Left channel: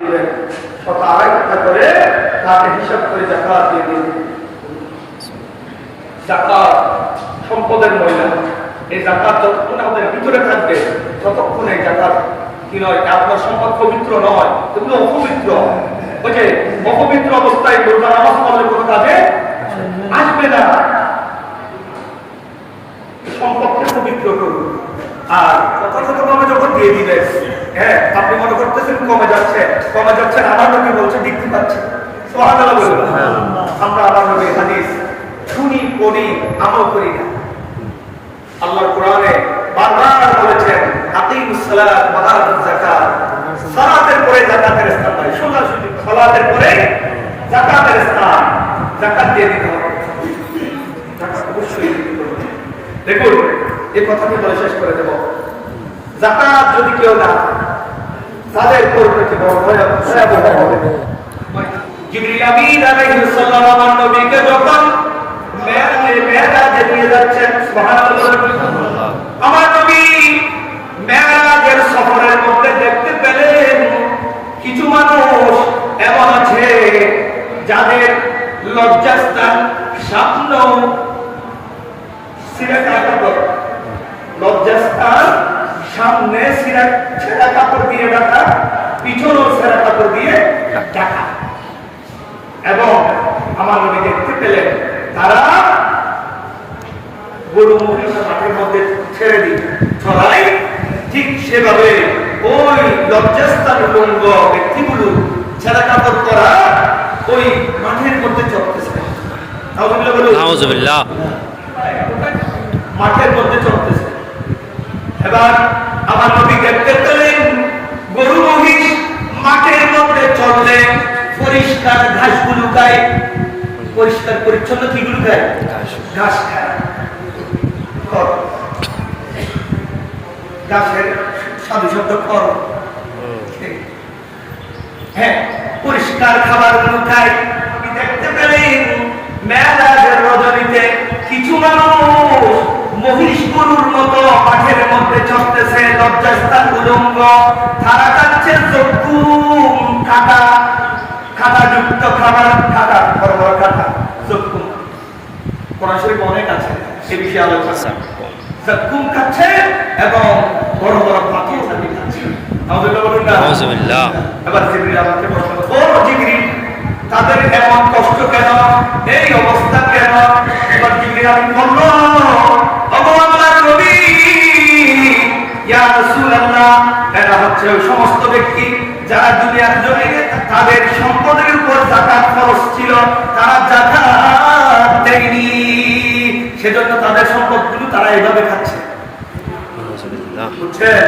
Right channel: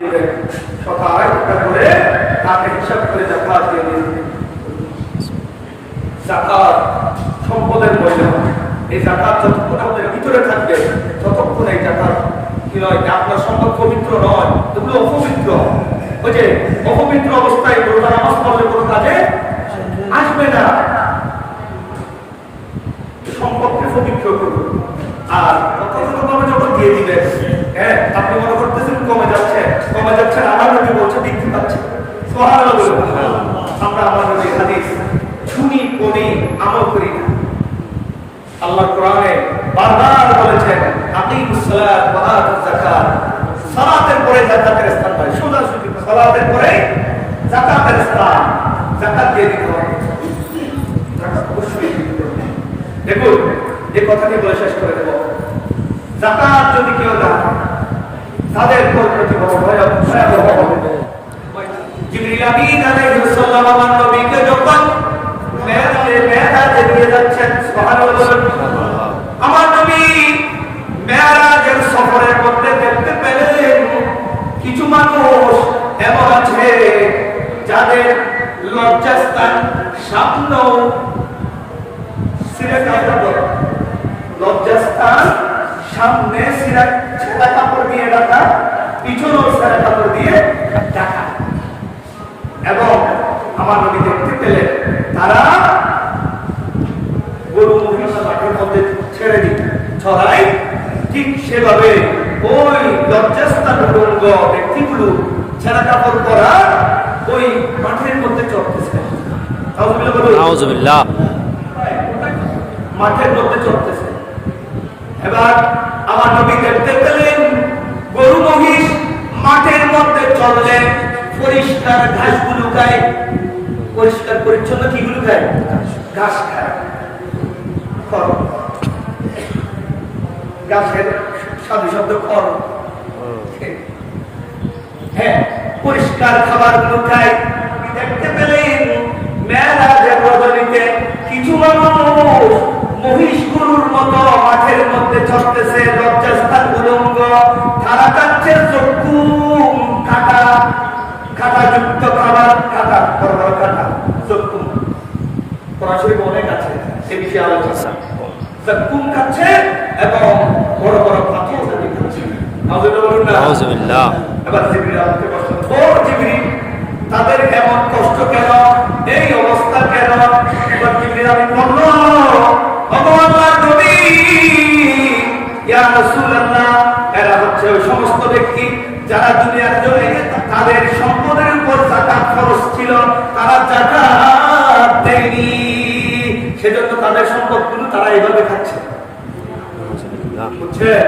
করে তাকে হিসাব করে জাকাত দিয়ে দিন। জাকাত সম্পদের ময়লা, এই জাকাত যতক্ষণ আমাদের ভিতরে থাকবে ততক্ষণ এই জাকাত কি নয়, আপনার সম্পদ পবিত্র নয়, এগুলো অপবিত্র। ওই যে অপবিত্র অবস্থায় রোজা নামাজ পড়লে কোনো কাজে আসবে না। সম্পদকে পবিত্র করুন। আর যথাযথভাবে যখন দিয়ে দিবেন, হ্যাঁ আপনি মনে করতেছেন কমে যাচ্ছে, আমার নবী বলছে বৃদ্ধি পাচ্ছে। সুবহানাল্লাহ বলবেন। আমরা আমার নবীর হাদিস শুনি, পড়ি, আমল করি না। আল্লাহ কোরআনে বারবার বলেছেন আকিমুস সালাত ওয়া আতুজ যাকাত, সালাতের পরে যাকাতের স্থান নাই। সোজাসুজি সালাতের পরে যাকাতের স্থান, যাকাত দিয়ে দিতে হবে। দেখুন এই কথাটি বলে শেষ করে দেব। যাকাত যদি কেউ না, তাদের পরিণতি বড় ভয়াবহ হবে। জিবরিল আমিন আলাইহিস সালাম আমার নবীকে যখন মেরাজে নিয়ে যাচ্ছেন, সুবহানাল্লাহ, আমার নবী মেরাজের সফরের মধ্যে দেখতে পেলেন কিছু মানুষ এমন আছে যাদের লজ্জাস্থান সামনে সিরা কাপড়, লজ্জাস্থান সামনে সিরা ছেঁড়া কাপড় দিয়ে ঢাকা, পিছনে ছেঁড়া কাপড় দিয়ে ঢাকা। এবং আমার নবী দেখতে পেলেন তারা গরু মহিষ মাঠের মধ্যে ছেড়ে দিত, ছড়াই ঠিক সেভাবে ওই লজ্জাস্থান ভঙ্গ ব্যক্তিগুলো ছেঁড়া কাপড় করা ওই মাঠের মধ্যে চলতেছে। মাঠের মধ্যে চলতেছে। এবার আমার নবী দেখতে পেলেন গরু মহিষ মাঠের মধ্যে চললে পরিষ্কার ঘাসগুলো খায়, পরিষ্কার পরিচ্ছন্ন কিগুলো খায়, ঘাস খায়। ঘাসের সাধু শব্দ খর, হ্যাঁ পরিষ্কার খাবার গুলো খায়। দেখতে পেলেন মেরাজের রজনীতে কিছু মানুষ মহিষ গরুর মতো মাঠের মধ্যে চড়তেছে, লজ্জাস্থান উলঙ্গ, তারা খাচ্ছে জকুম, কাটা কাটাযুক্ত খাবার, কাটা বড় বড় কাটা, জকুম কোরআন শরীফে অনেক আছে সে বিষয়ে আলোচনা। জকুম খাচ্ছে এবং বড় বড় পাথর খাচ্ছে। আউযুবিল্লাহ। এবার জিবরিল আমাকে প্রশ্ন, ও জিবরিল তাদের এমন কষ্ট কেন, এই অবস্থা কেন? এবার জিবরিল আমি বলল, ওগো আল্লাহর নবী, ইয়া রাসূলুল্লাহ, এরা হচ্ছে ওই সমস্ত ব্যক্তি যারা দুনিয়ার জমিনে তাদের সম্পদের উপর যাকাত খরচ ছিল, তারা যাকাত দেয়নি, সেজন্য তাদের সম্পদগুলো তারা এইভাবে খাচ্ছে। বুঝছেন?